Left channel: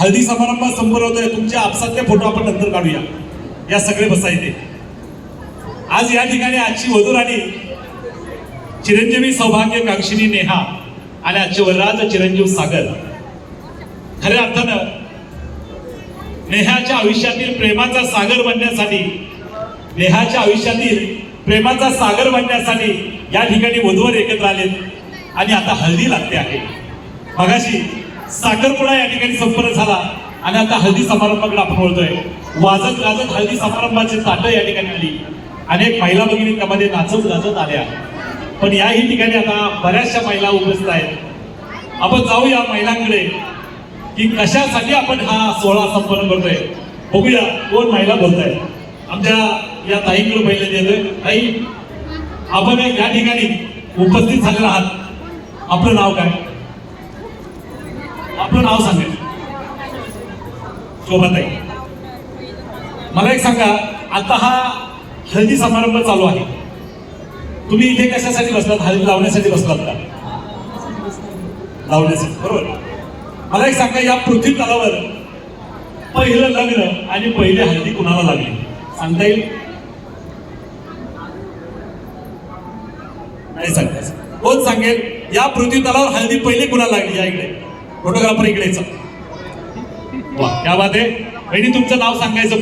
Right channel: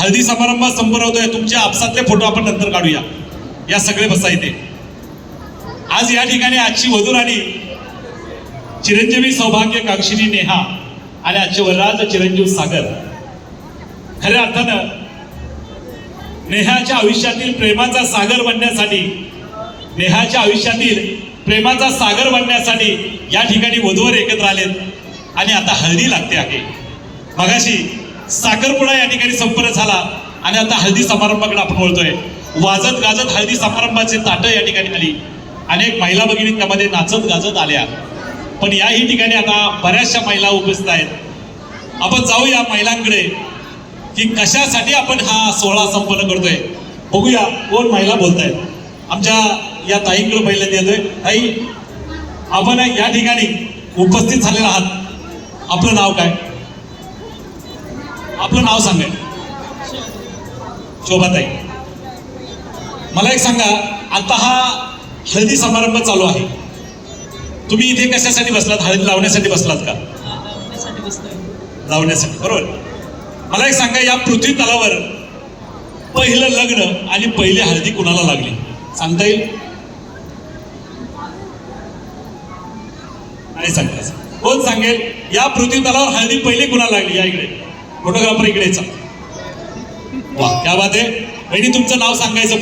हळदी समारंभ संपूर्ण होतोय तुमच्या आपसातले फोटो आपण नंतर काढूया. या सगळे बसायचे आज या ठिकाणी आजची वधूराणी चिरंजीवी सौभाग्य कांक्षिणी नेहा आणि आजचे वरराज चिरंजीव सागर. खऱ्या अर्थानं नेहाच्या आयुष्यातील प्रेमाचा सागर बनण्यासाठी नेहाच्या आयुष्यातील प्रेमाचा सागर बनण्यासाठी या ठिकाणी वधूवर एकत्र आलेत आणि आता हळदी लागते आहे. मगाशी साखरपुडा या ठिकाणी संपन्न झाला. आणि आता हळदी समारंभाकडे आपण बोलतोय वाजत गाजत हळदी समारंभाचे ताट या ठिकाणी आली अनेक महिला भगिनी त्यामध्ये नाचत गाजत आल्या. पण याही ठिकाणी आता बऱ्याचशा महिला उपस्थित आहेत. आपण जाऊया महिलांकडे की कशासाठी आपण हा सोहळा संपन्न करतोय. बघूया कोण महिला बोलतायत. आमच्या या ताईंकडे पहिल्यांदा येतोय. ताई आपण या ठिकाणी उपस्थित झालेला आहात. आपलं नाव काय? आपलं नाव सांगा. शोभाताई मला एक सांगा आता हा हळदी समारंभ चालू आहे. तुम्ही इथे कशासाठी बसलात? हळदी लावण्यासाठी बसलात का? लावण्यासाठी बरोबर. मला एक सांगा या पृथ्वी तलावर पहिलं लग्न आणि पहिली हळदी कुणाला लागली? सांगता येईल? नाही सांगता कोण सांगेल या पृथ्वी तलावर हळदी पहिली कुणाला लागली या इकडे? फोटोग्राफर इकडेचा वा त्या बात आहे. बहिणी तुमचं नाव सांगायचं